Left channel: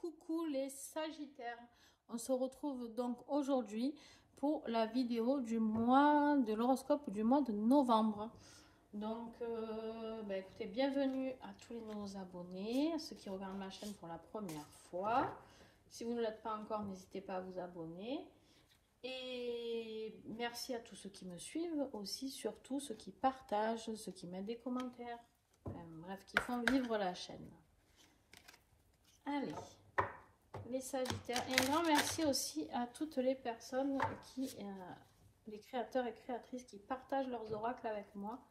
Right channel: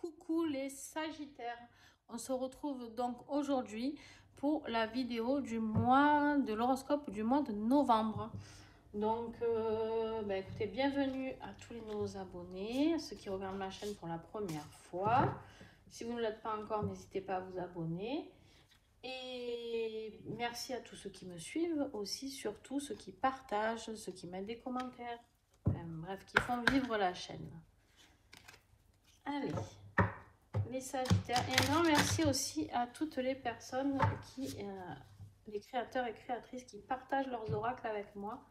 Coucou les Sagittaires. On se retrouve donc aujourd'hui pour la vidéo du mois de l'horoscope du mois de novembre. Donc, écoutez, bienvenue à tous les nouveaux abonnés, ceux qui regardent ma chaîne pour la première fois. Si vous ne l'êtes pas encore, n'hésitez pas à vous abonner. Et merci à tous ceux qui me suivent, aussi surtout ceux qui partagent, ceux qui mettent des commentaires, bref, qui font vivre la chaîne. Allez, les Sagittaires. Et un grand merci aussi à toutes les personnes qui, les créateurs et créatrices qui partagent leurs oracles avec moi.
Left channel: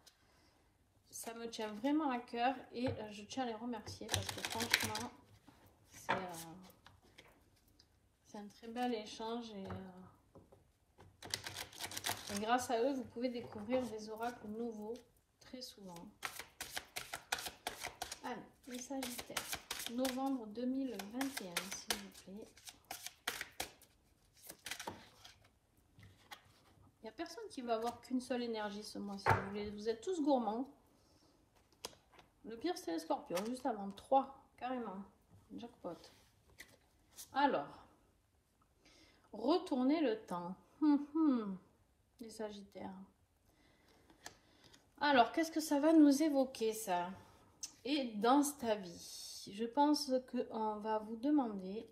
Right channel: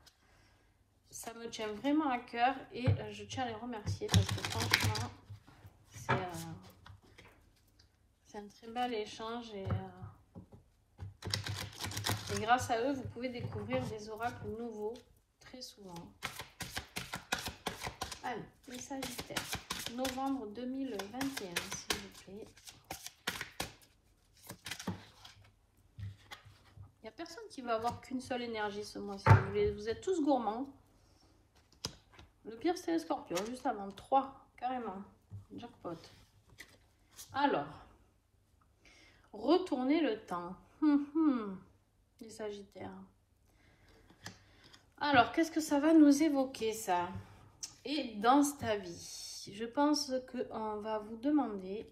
Ça me tient vraiment à cœur et je tiens à les remercier parce que franchement, c'est un très bel échange et grâce à eux, vous pouvez découvrir des oracles nouveaux très souvent. Allez, les Sagittaires. Novembre 2021, s'il vous plaît. Il n'y a personne qui va avoir qu'une seule énergie ce mois-ci. Vous êtes tous gourmands. Le pire, c'est les Scorpions, juste avant. 3, carrément. Jackpot. Alors, retournez le temps. Les Sagittaires. Alors, qu'est-ce que ça va nous évoquer, ça? Et dans ta vie, je pense qu'on va vous demander,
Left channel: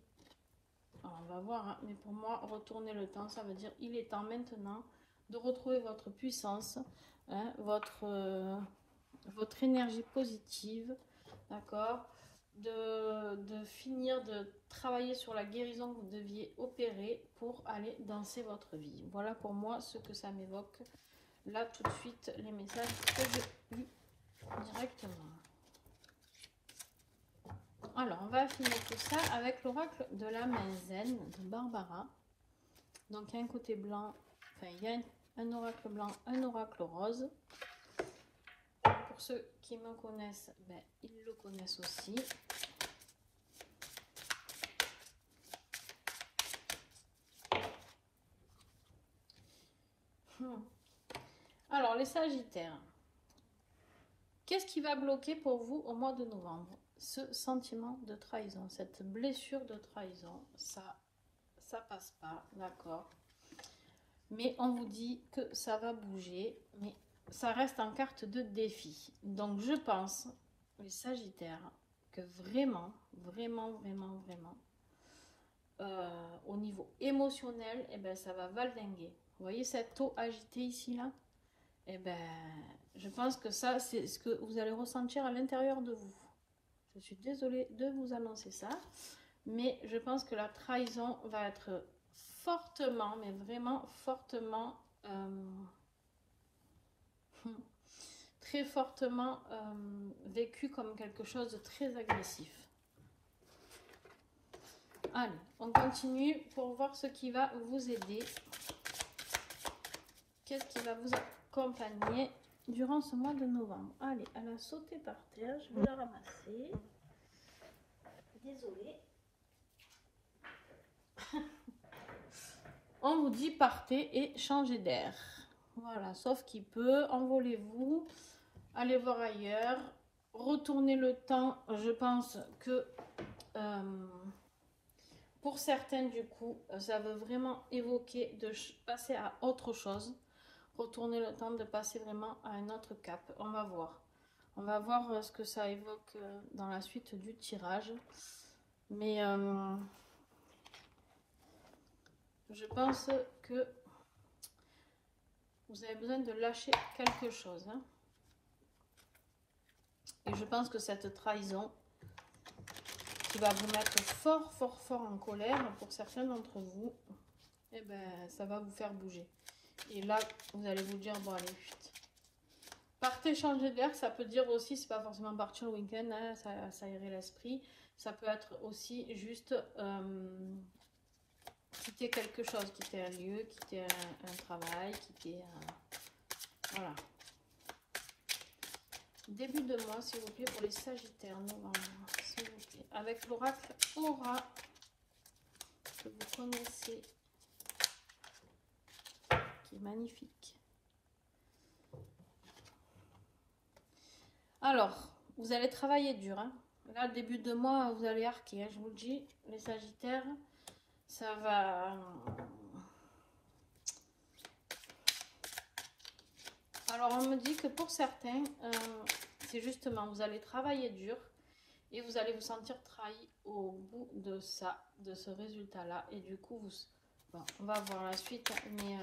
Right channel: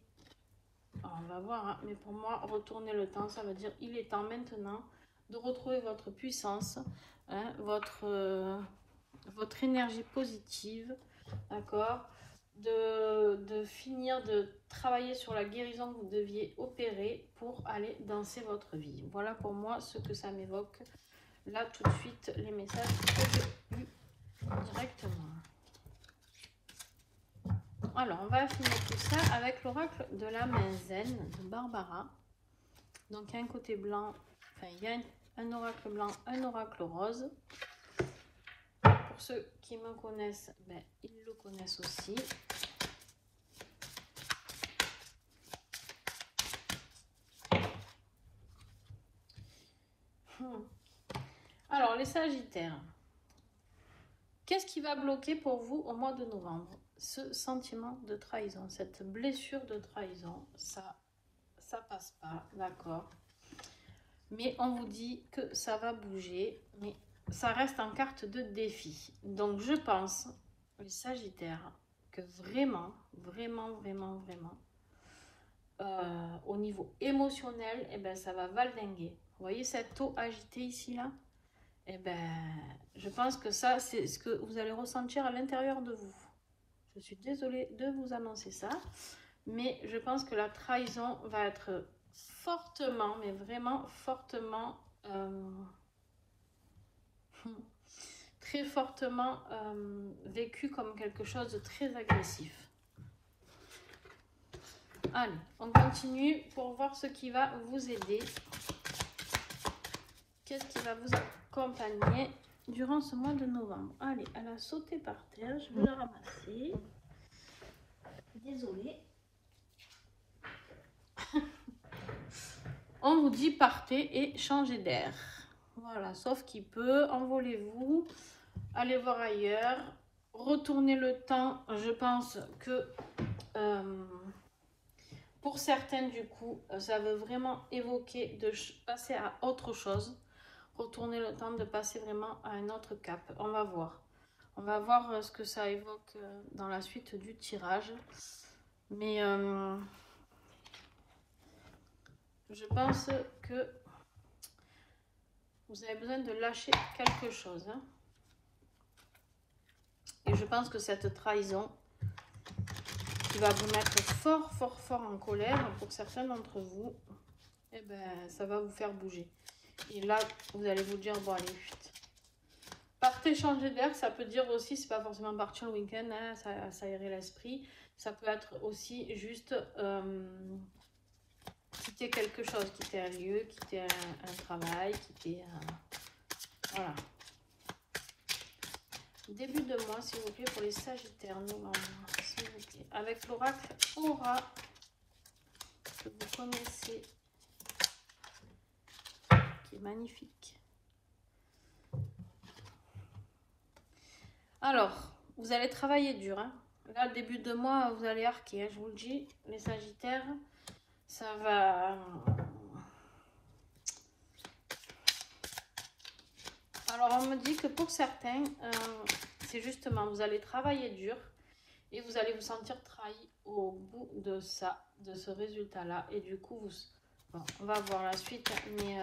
on va voir, hein, mais pour moi, retourner le temps, ça veut dire il est temps maintenant de retrouver votre puissance, hein, votre énergie positive, d'accord, de finir de travailler sur la guérison que vous deviez opérer pour aller danser votre vie. Voilà pour moi ce que ça m'évoque. Là, tout de suite, les messages que je lis directement. Alors, on va finir tout ça avec l'oracle de la main zen de Barbara. Donc, il y a un côté blanc, enfin, il y a un oracle blanc, un oracle rose. Pour ceux qui me connaissent, ils le connaissent aussi. Alors, les Sagittaires, qu'est-ce qui va bloquer pour vous au mois de novembre? Ce sentiment de trahison, cette blessure de trahison, ça passe pas, d'accord. Mais on vous dit que ça va bouger, mais ça reste en carte de défi. Donc je pense, les Sagittaires, que vraiment, au niveau émotionnel, ça va valdinguer. Vous voyez cette eau agitée ici, là? Je pense que ça, c'est ce que vous allez ressentir à l'intérieur de vous. Je suis désolée de vous annoncer ça, mais je pense que la trahison va être fortement, mais vraiment fortement, très fortement vécue comme quelque chose de très agressif. Allez, on continue pour voir ce qui va vous aider. Qu'est-ce qui va vous accompagner durant ce mois de novembre? Allez, elle a sauté par terre, je vais la ramasser. Désolée. On vous dit partez et changez d'air. Voilà, sauf qu'il peut, envolez-vous, allez voir ailleurs, retournez le temps. Je pense que pour certaines, du coup, ça veut vraiment évoquer de passer à autre chose. Retourner le temps de passer vraiment à un autre cap. On va voir. On va voir ce que ça évoque dans la suite du tirage. Mais je pense que vous avez besoin de lâcher quelque chose. Hein. Et je pense que cette trahison qui va vous mettre fort en colère, pour certains d'entre vous, ça va vous faire bouger. Et là, vous allez vous dire, bon allez, vite. Partez changer d'air, ça peut dire aussi, c'est pas forcément partir le week-end, hein, ça aérer l'esprit. Ça peut être aussi juste quitter quelque chose, quitter un lieu, quitter un travail, quitter voilà. Début de mois, s'il vous plaît, pour les Sagittaires, novembre, s'il vous plaît. Avec l'oracle Aura, que vous connaissez, qui est magnifique. Alors, vous allez travailler dur, hein. Là, début de mois, vous allez arquer, hein, je vous le dis, les Sagittaires, ça va... Alors, on me dit que pour certains, c'est justement, vous allez travailler dur et vous allez vous sentir trahi au bout de ça, de ce résultat-là. Et du coup, bon, on va voir la suite, mais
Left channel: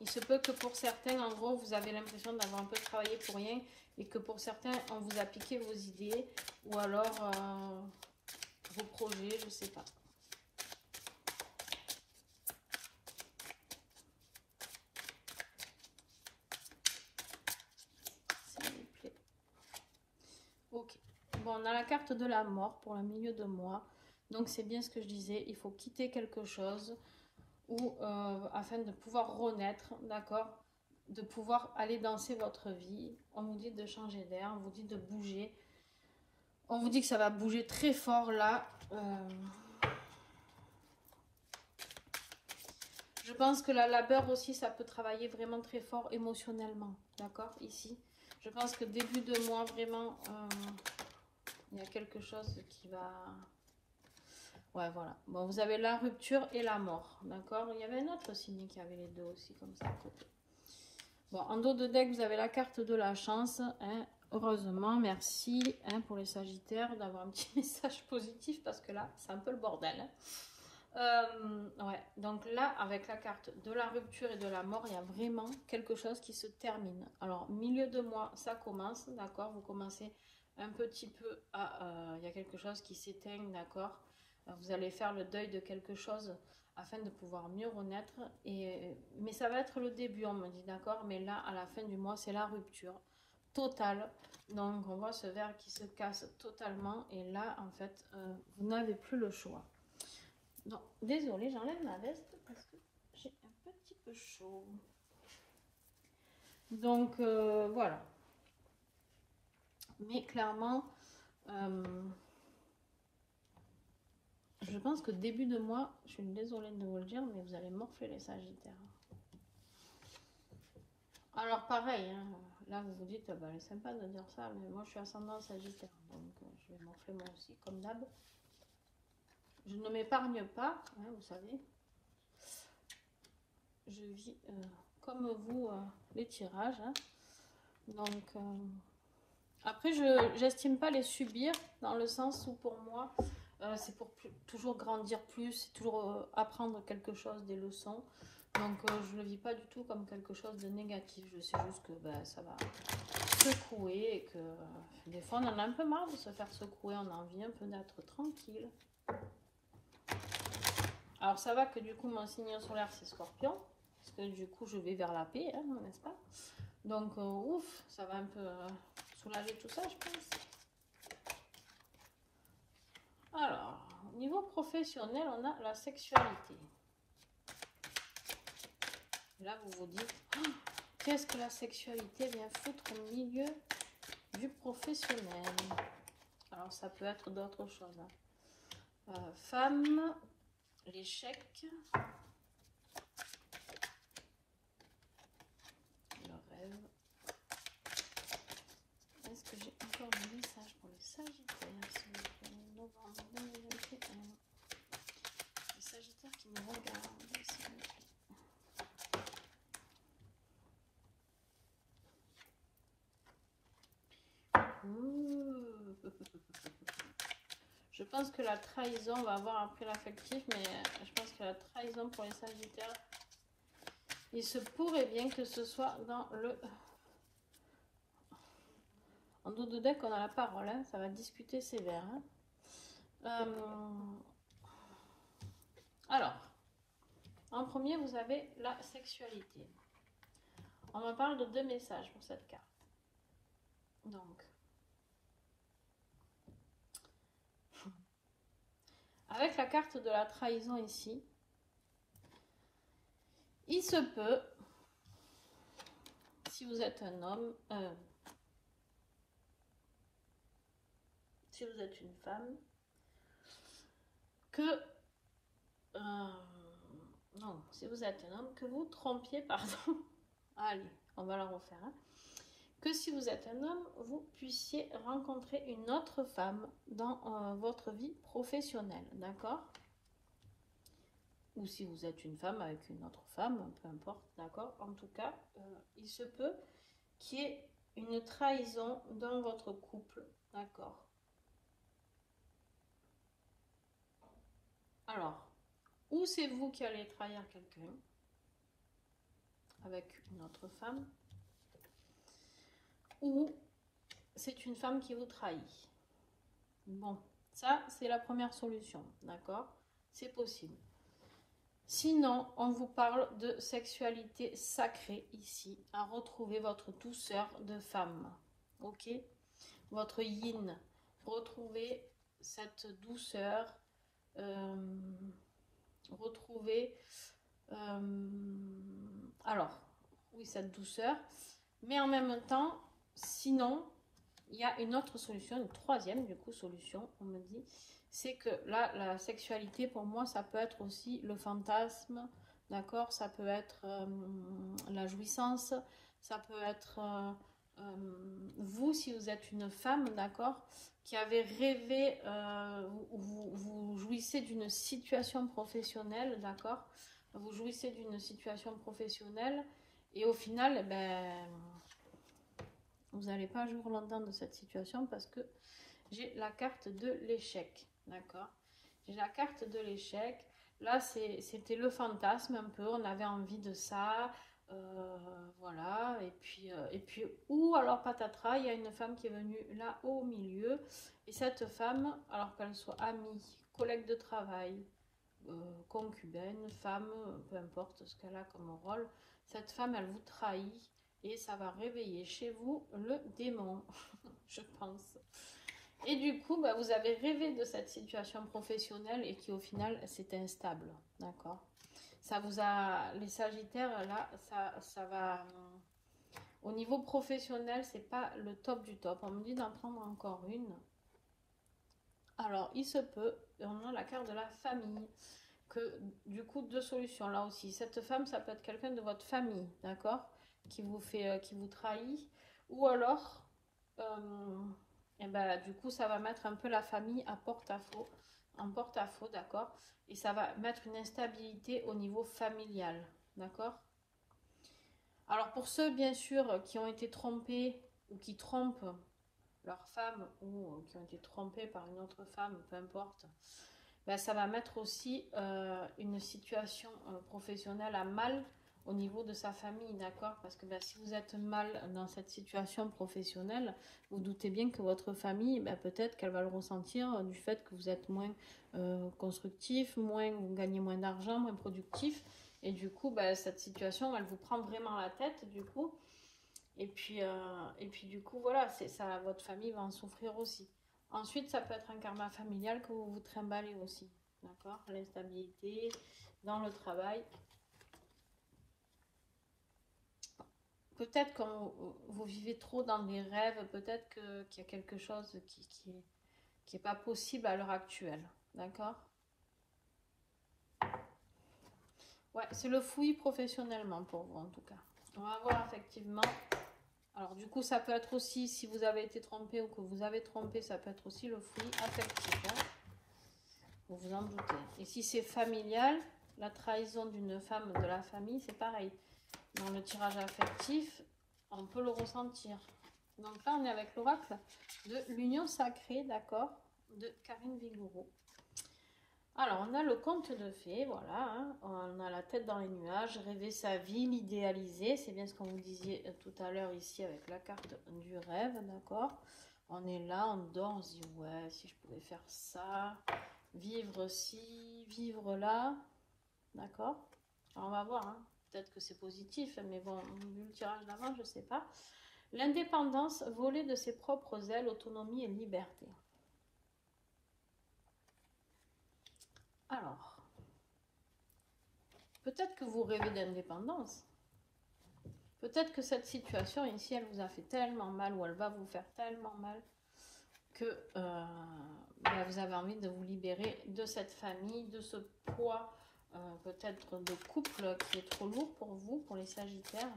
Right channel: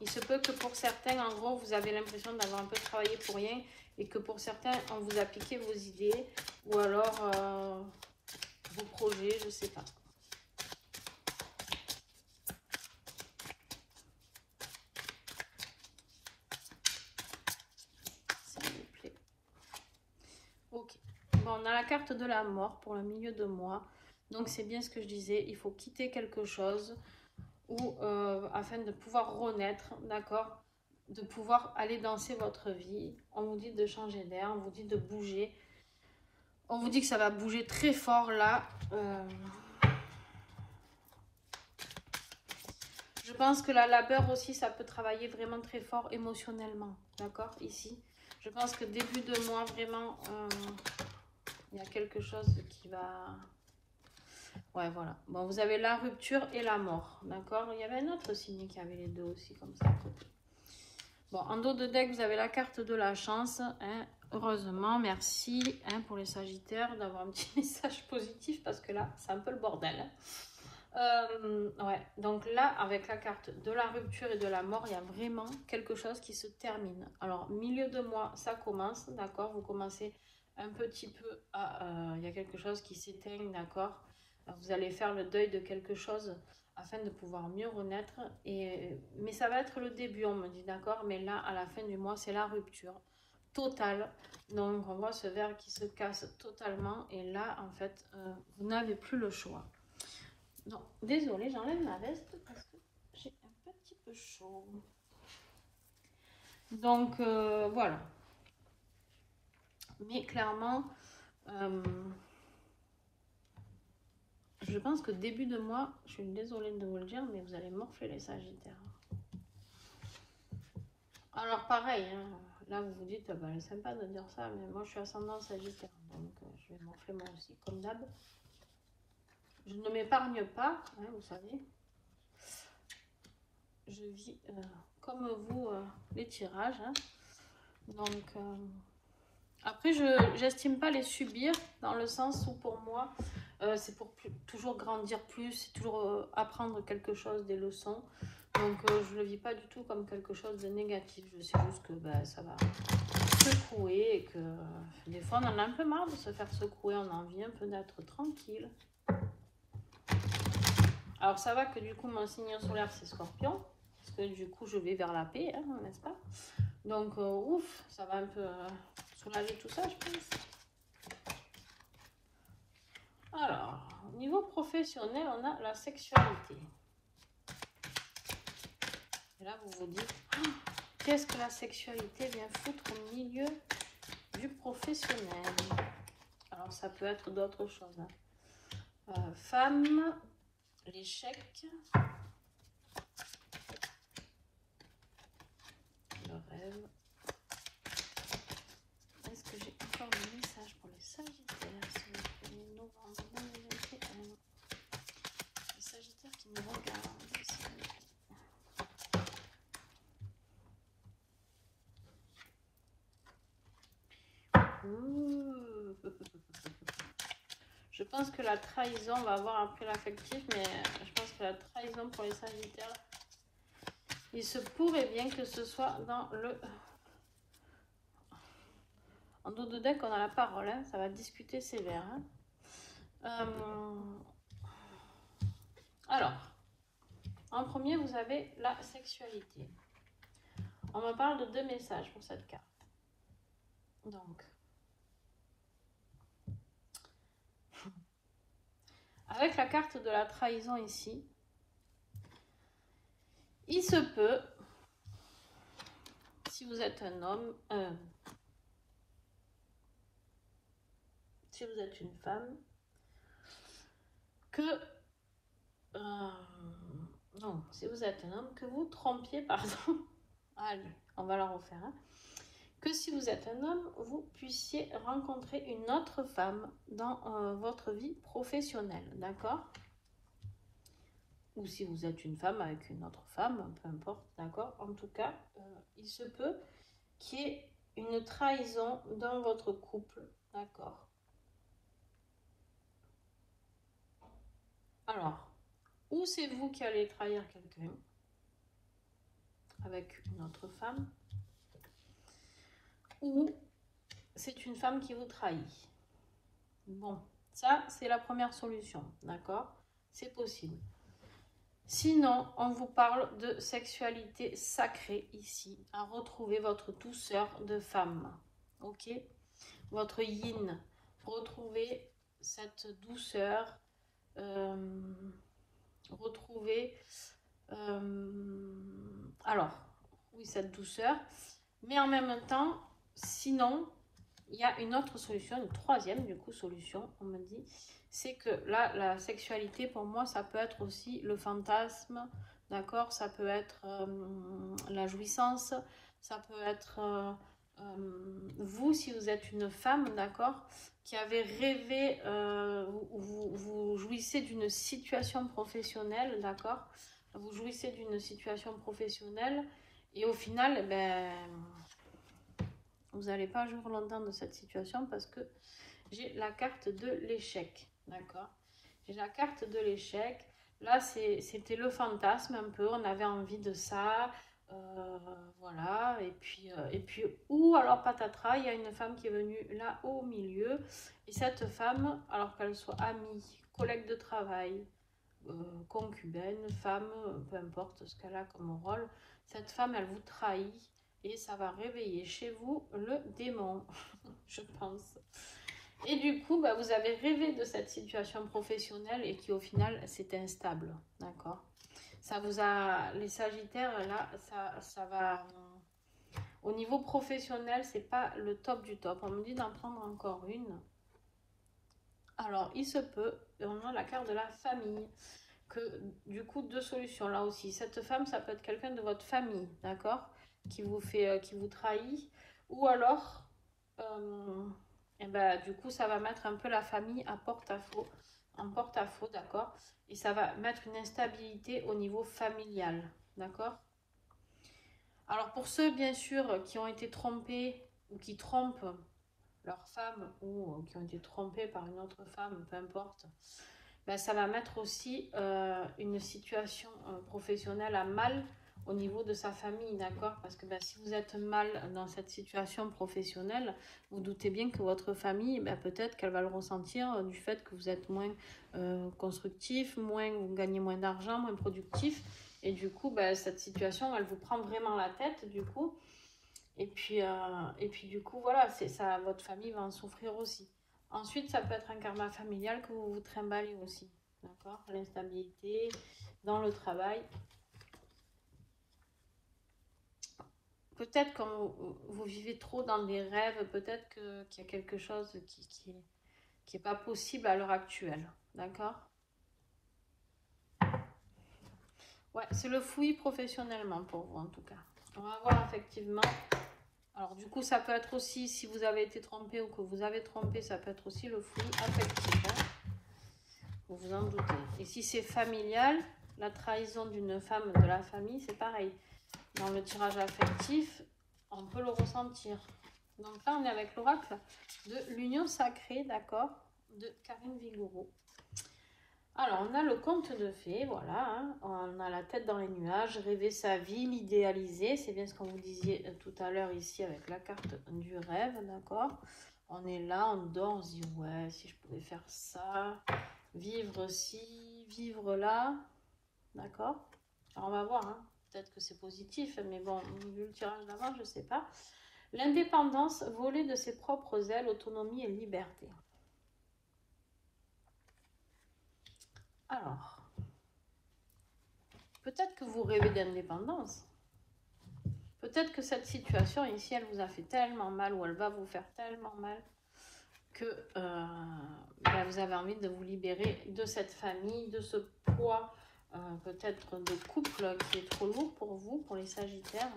il se peut que pour certains, en gros, vous avez l'impression d'avoir un peu travaillé pour rien et que pour certains, on vous a piqué vos idées ou alors vos projets, je sais pas. On a la carte de la mort pour le milieu de mois. Donc c'est bien ce que je disais, il faut quitter quelque chose ou afin de pouvoir renaître, d'accord, de pouvoir aller danser votre vie. On vous dit de changer d'air, on vous dit de bouger. On vous dit que ça va bouger très fort là. Je pense que la labeur aussi, ça peut travailler vraiment très fort émotionnellement, d'accord, ici. Je pense que début de mois, vraiment, il y a quelque chose qui va... Ouais, voilà. Bon, vous avez la rupture et la mort, d'accord. Il y avait un autre signe qui avait les deux aussi, comme ça. Bon, en dos de deck, vous avez la carte de la chance. Hein. Heureusement, merci hein, pour les Sagittaires d'avoir un petit message positif parce que là, c'est un peu le bordel. Ouais, donc là, avec la carte de la rupture et de la mort, il y a vraiment quelque chose qui se termine. Alors, milieu de mois, ça commence, d'accord. Vous commencez un petit peu à... il y a quelque chose qui s'éteint, d'accord. Vous allez faire le deuil de quelque chose afin de pouvoir mieux renaître. Mais ça va être le début, on me dit, d'accord. Mais là, à la fin du mois, c'est la rupture totale. Donc, on voit ce verre qui se casse totalement. Et là, en fait, vous n'avez plus le choix. Non, désolée, j'enlève ma veste parce que j'ai un petit peu chaud. Donc, voilà. Mais clairement... je pense que début de mois, je suis désolée de vous le dire, mais vous allez morfler les Sagittaires. Alors pareil, hein, là vous vous dites, bah, c'est sympa de dire ça, mais moi je suis ascendant Sagittaire, donc je vais morfler moi aussi, comme d'hab. Je ne m'épargne pas, hein, vous savez. Je vis comme vous les tirages. Hein. Donc après, je n'estime pas les subir dans le sens où pour moi, c'est pour toujours grandir plus, toujours apprendre quelque chose, des leçons. Donc je ne le vis pas du tout comme quelque chose de négatif. Je sais juste que ça va secouer et que des fois on en a un peu marre de se faire secouer, on a envie un peu d'être tranquille. Alors ça va que du coup mon signe solaire c'est Scorpion, parce que du coup je vais vers la paix, hein, n'est-ce pas? Donc ouf, ça va un peu soulager tout ça je pense. Alors, au niveau professionnel, on a la sexualité. Et là, vous vous dites, oh, qu'est-ce que la sexualité vient foutre au milieu du professionnel? Alors, ça peut être d'autres choses. Hein. Femme, l'échec, le rêve. Est-ce que j'ai encore un message pour les Sagittaires? Les Sagittaires qui me regardent. Je pense que la trahison va avoir un prix affectif, mais je pense que la trahison pour les Sagittaires, il se pourrait bien que ce soit dans le... En dos de deck, on a la parole, hein, ça va discuter sévère. Hein. Alors, en premier, vous avez la sexualité. On me parle de 2 messages pour cette carte. Donc, avec la carte de la trahison ici, il se peut, si vous êtes un homme, si vous êtes une femme, que... non, si vous êtes un homme, que vous trompiez, pardon. Allez, on va la refaire. Hein, que si vous êtes un homme, vous puissiez rencontrer une autre femme dans votre vie professionnelle, d'accord? Ou si vous êtes une femme avec une autre femme, peu importe, d'accord? En tout cas, il se peut qu'il y ait une trahison dans votre couple, d'accord? Alors, ou c'est vous qui allez trahir quelqu'un avec une autre femme, ou c'est une femme qui vous trahit. Bon, ça, c'est la première solution, d'accord? C'est possible. Sinon, on vous parle de sexualité sacrée ici, à retrouver votre douceur de femme, ok? Votre yin, retrouver cette douceur, retrouver, alors, oui, cette douceur, mais en même temps, sinon, il y a une autre solution, une troisième du coup solution, on me dit, c'est que là, la sexualité pour moi, ça peut être aussi le fantasme, d'accord? Ça peut être la jouissance, ça peut être vous, si vous êtes une femme, d'accord? Qui avez rêvé, vous jouissez d'une situation professionnelle, d'accord? Vous jouissez d'une situation professionnelle et au final, ben vous n'allez pas jouir longtemps de cette situation parce que j'ai la carte de l'échec, d'accord? J'ai la carte de l'échec. Là, c'était le fantasme un peu, on avait envie de ça, voilà. Et puis, ou alors patatras, il y a une femme qui est venue là au milieu. Et cette femme, alors qu'elle soit amie, collègue de travail, concubine, femme, peu importe ce qu'elle a comme rôle, cette femme, elle vous trahit. Et ça va réveiller chez vous le démon, je pense. Et du coup, bah, vous avez rêvé de cette situation professionnelle et qui au final, c'est instable. D'accord? Ça vous a... Les Sagittaires, là, ça va... Au niveau professionnel, c'est pas le top du top. On me dit d'en prendre encore une. Alors, il se peut, on a la carte de la famille. Que du coup, deux solutions là aussi. Cette femme, ça peut être quelqu'un de votre famille, d'accord? Qui vous trahit, ou alors et ben, du coup ça va mettre un peu la famille à porte-à-faux, en porte-à-faux, d'accord, et ça va mettre une instabilité au niveau familial, d'accord. Alors pour ceux bien sûr qui ont été trompés ou qui trompent leur femme ou qui ont été trompés par une autre femme, peu importe, ben, ça va mettre aussi une situation professionnelle à mal au niveau de sa famille, d'accord? Parce que ben, si vous êtes mal dans cette situation professionnelle, vous doutez bien que votre famille, ben, peut-être qu'elle va le ressentir du fait que vous êtes moins constructif, vous gagnez moins d'argent, moins productif. Et du coup, ben, cette situation, elle vous prend vraiment la tête, du coup. Et puis du coup, voilà, c'est ça, votre famille va en souffrir aussi. Ensuite, ça peut être un karma familial que vous vous trimballez aussi, d'accord? L'instabilité dans le travail. Peut-être quand vous vivez trop dans des rêves, peut-être qu'il y a quelque chose qui est pas possible à l'heure actuelle, d'accord? Ouais, c'est le fouillis professionnellement pour vous en tout cas. On va voir effectivement. Alors du coup, ça peut être aussi, si vous avez été trompé ou que vous avez trompé, ça peut être aussi le fouillis affectif, hein, vous vous en doutez. Et si c'est familial, la trahison d'une femme de la famille, c'est pareil. Dans le tirage affectif, on peut le ressentir. Donc là, on est avec l'oracle de l'union sacrée, d'accord, de Karine Vigoureux. Alors, on a le conte de fées, voilà, hein, on a la tête dans les nuages, rêver sa vie, l'idéaliser, c'est bien ce qu'on vous disait tout à l'heure ici avec la carte du rêve, d'accord. On est là, on dort, on se dit, ouais, si je pouvais faire ça, vivre ci, vivre là, d'accord. Alors, on va voir, hein. Peut-être que c'est positif, mais bon, vu le tirage d'avant, je ne sais pas. L'indépendance, voler de ses propres ailes, autonomie et liberté. Alors, peut-être que vous rêvez d'indépendance. Peut-être que cette situation ici, elle vous a fait tellement mal ou elle va vous faire tellement mal que vous avez envie de vous libérer de cette famille, de ce poids peut-être de couple qui est trop lourd pour vous, pour les Sagittaires.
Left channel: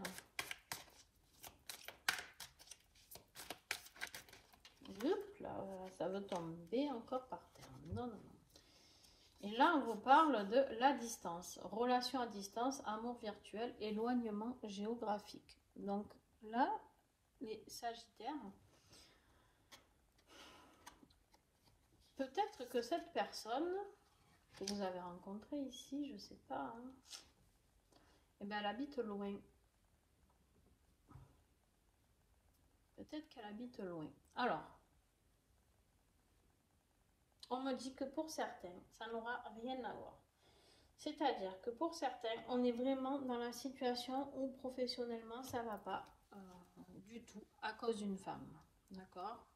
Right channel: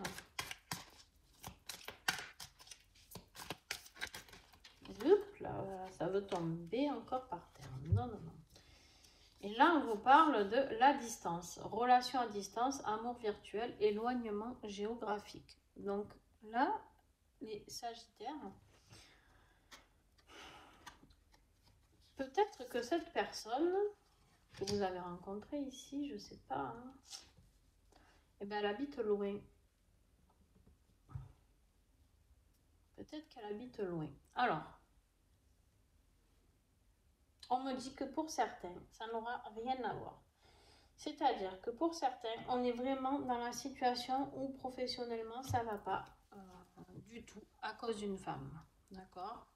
là, ça veut tomber encore par terre. Non, non, non. Et là, on vous parle de la distance. Relation à distance, amour virtuel, éloignement géographique. Donc là, les Sagittaires, peut-être que cette personne que vous avez rencontrée ici, je ne sais pas, hein, eh bien, elle habite loin. Peut-être qu'elle habite loin. Alors, on me dit que pour certains, ça n'aura rien à voir. C'est-à-dire que pour certains, on est vraiment dans la situation où professionnellement, ça ne va pas du tout à cause d'une femme. D'accord?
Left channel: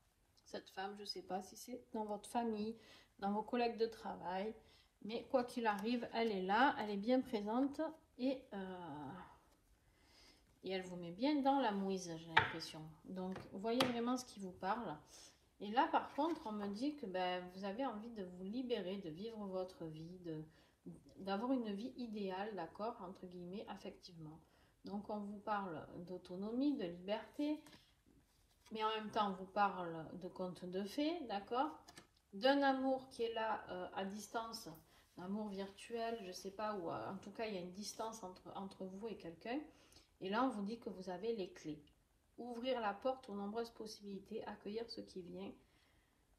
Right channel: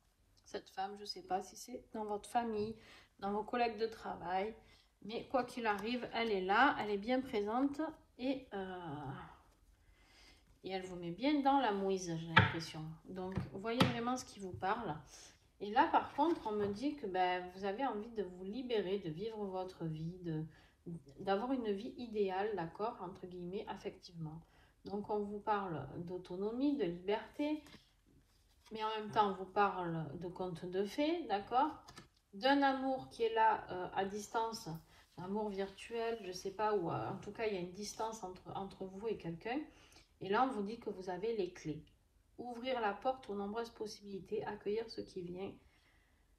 Cette femme, je ne sais pas si c'est dans votre famille, dans vos collègues de travail, mais quoi qu'il arrive, elle est là, elle est bien présente et elle vous met bien dans la mouise, j'ai l'impression. Donc, vous voyez vraiment ce qui vous parle. Et là, par contre, on me dit que vous avez envie de vous libérer, de vivre votre vie, d'avoir une vie idéale, d'accord, entre guillemets, affectivement. Donc, on vous parle d'autonomie, de liberté, mais en même temps, on vous parle de contes de fées, d'accord, d'un amour qui est là à distance, un amour virtuel, je ne sais pas, ou en tout cas, il y a une distance entre vous et quelqu'un. Et là, on vous dit que vous avez les clés. Ouvrir la porte aux nombreuses possibilités, accueillir ce qui vient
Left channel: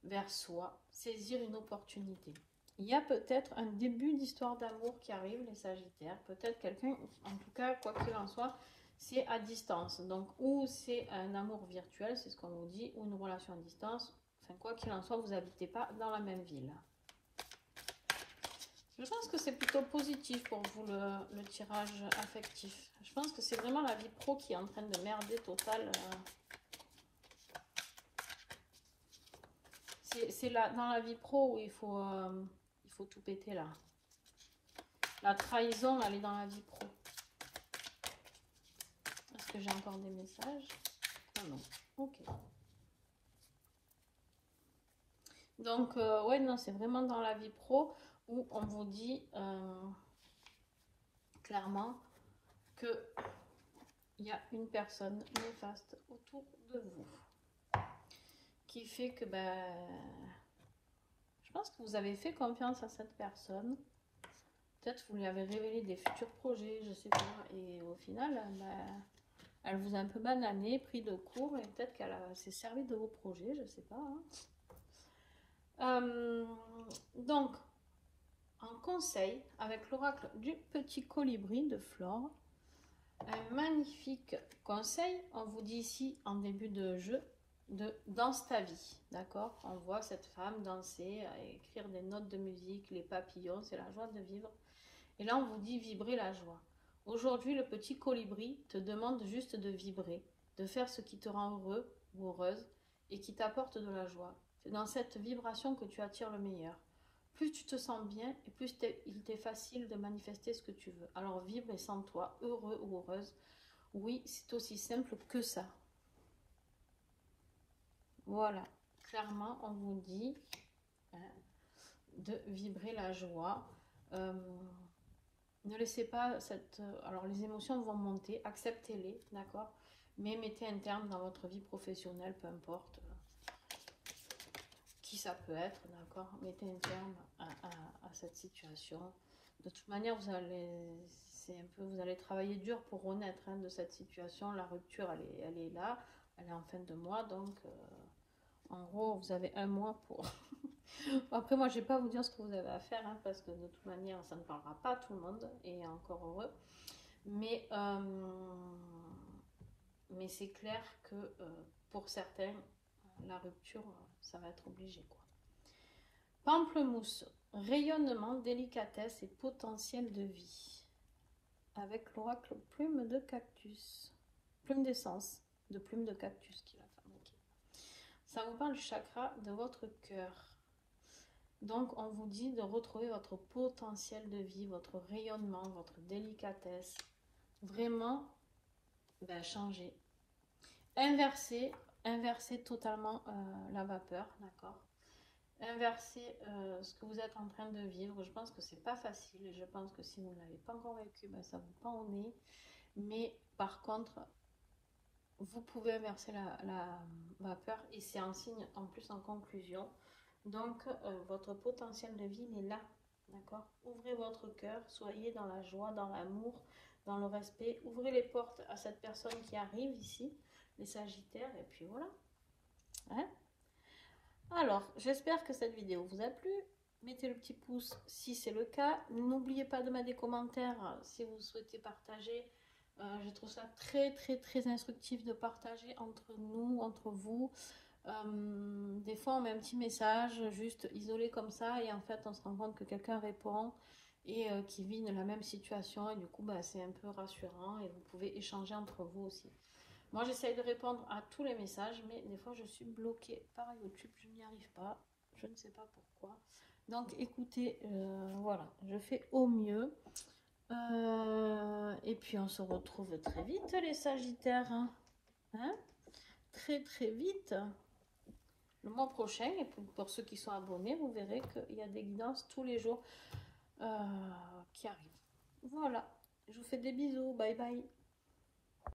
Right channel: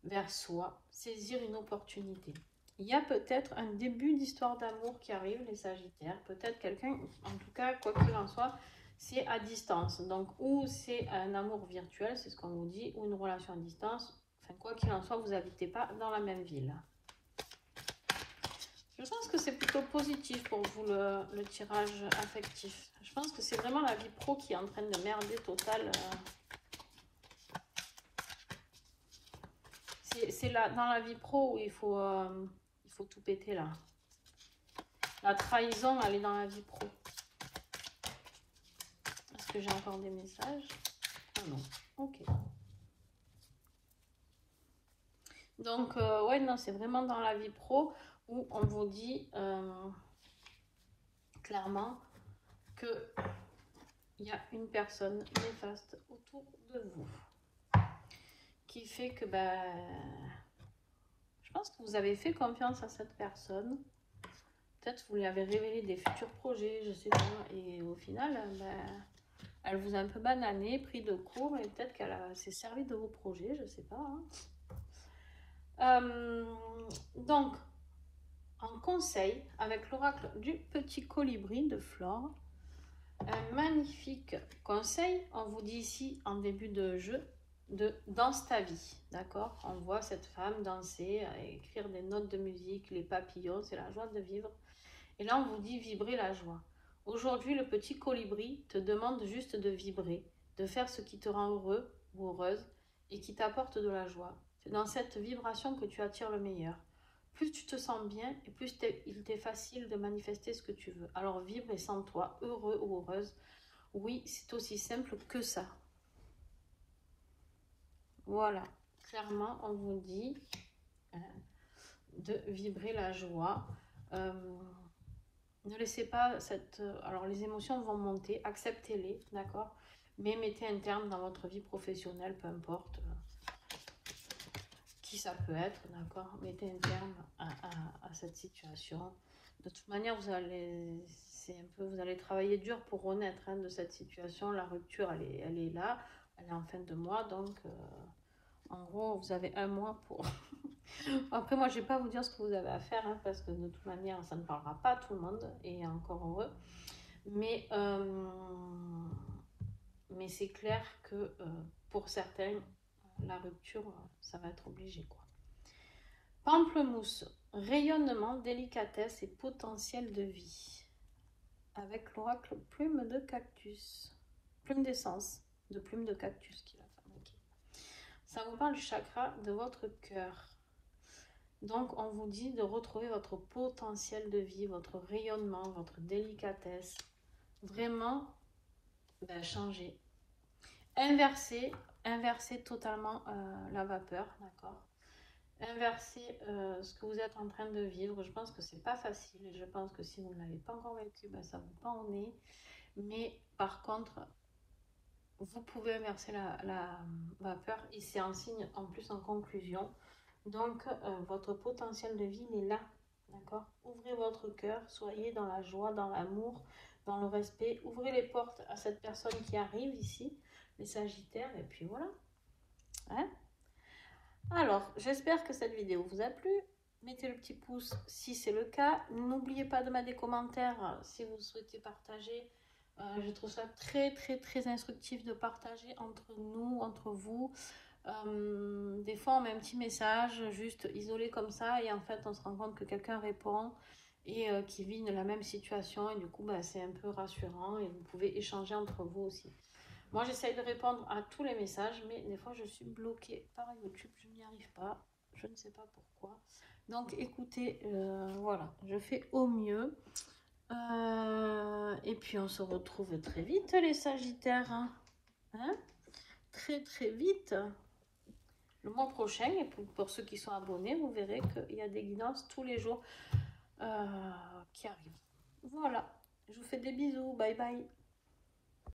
vers soi, saisir une opportunité. Il y a peut-être un début d'histoire d'amour qui arrive, les Sagittaires. Peut-être quelqu'un, en tout cas, quoi qu'il en soit, c'est à distance. Donc, ou c'est un amour virtuel, c'est ce qu'on vous dit, ou une relation à distance. Enfin, quoi qu'il en soit, vous n'habitez pas dans la même ville. Je pense que c'est plutôt positif pour vous, le tirage affectif. Je pense que c'est vraiment la vie pro qui est en train de merder total. C'est dans la vie pro où il faut tout péter là. La trahison, elle est dans la vie pro. Est-ce que j'ai encore des messages? Ah non. Ok. Donc, ouais, non, c'est vraiment dans la vie pro où on vous dit clairement que il y a une personne néfaste autour de vous qui fait que je pense que vous avez fait confiance à cette personne. Peut-être vous lui avez révélé des futurs projets, je sais pas, et au final, elle vous a un peu banané, pris de court, et peut-être qu'elle s'est servie de vos projets, je sais pas. Hein. Donc, en conseil, avec l'oracle du petit colibri de Flore, un magnifique conseil, on vous dit ici en début de jeu, de danse ta vie, d'accord? On voit cette femme danser, écrire des notes de musique, les papillons, c'est la joie de vivre. Et là, on vous dit vibrer la joie. Aujourd'hui, le petit colibri te demande juste de vibrer, de faire ce qui te rend heureux ou heureuse et qui t'apporte de la joie. C'est dans cette vibration que tu attires le meilleur. Plus tu te sens bien et plus il t'est facile de manifester ce que tu veux. Alors vibre et sens-toi heureux ou heureuse. Oui, c'est aussi simple que ça. Voilà, clairement, on vous dit de vibrer la joie. Ne laissez pas alors les émotions vont monter, acceptez-les, d'accord? Mais mettez un terme dans votre vie professionnelle, peu importe qui ça peut être, d'accord? Mettez un terme à cette situation. De toute manière, vous allez travailler dur pour renaître de cette situation. La rupture, elle est là, elle est en fin de mois, donc en gros, vous avez un mois pour... Après, moi, je ne vais pas vous dire ce que vous avez à faire, parce que de toute manière, ça ne parlera pas à tout le monde, et encore heureux. Mais c'est clair que pour certains, la rupture, ça va être obligé, quoi. Pamplemousse, rayonnement, délicatesse et potentiel de vie. Avec l'oracle plume de cactus. Plume d'essence, de plume de cactus qu'il a fabriqué. Ça vous parle du chakra de votre cœur. Donc, on vous dit de retrouver votre potentiel de vie, votre rayonnement, votre délicatesse. Vraiment, changer. Inverser totalement la vapeur, d'accord? Inverser ce que vous êtes en train de vivre. Je pense que c'est pas facile. Je pense que si vous ne l'avez pas encore vécu, ça vous pend au nez. Mais par contre, vous pouvez inverser la vapeur et c'est un signe en plus en conclusion. Donc, votre potentiel de vie, il est là. D'accord? Ouvrez votre cœur, soyez dans la joie, dans l'amour, dans le respect. Ouvrez les portes à cette personne qui arrive ici, les Sagittaires, et puis voilà. Hein? Alors, j'espère que cette vidéo vous a plu. Mettez le petit pouce si c'est le cas. N'oubliez pas de mettre des commentaires si vous souhaitez partager. Je trouve ça très instructif de partager entre nous, entre vous. Des fois on met un petit message juste isolé comme ça et en fait on se rend compte que quelqu'un répond et qui vit la même situation et du coup bah, c'est un peu rassurant et vous pouvez échanger entre vous aussi. Moi j'essaye de répondre à tous les messages mais des fois je suis bloquée par YouTube, je n'y arrive pas, je ne sais pas pourquoi. Donc écoutez, voilà, je fais au mieux. Et puis on se retrouve très vite les Sagittaires. Hein, très vite. Le mois prochain, et pour ceux qui sont abonnés, vous verrez qu'il y a des guidances tous les jours qui arrivent. Voilà, je vous fais des bisous, bye bye.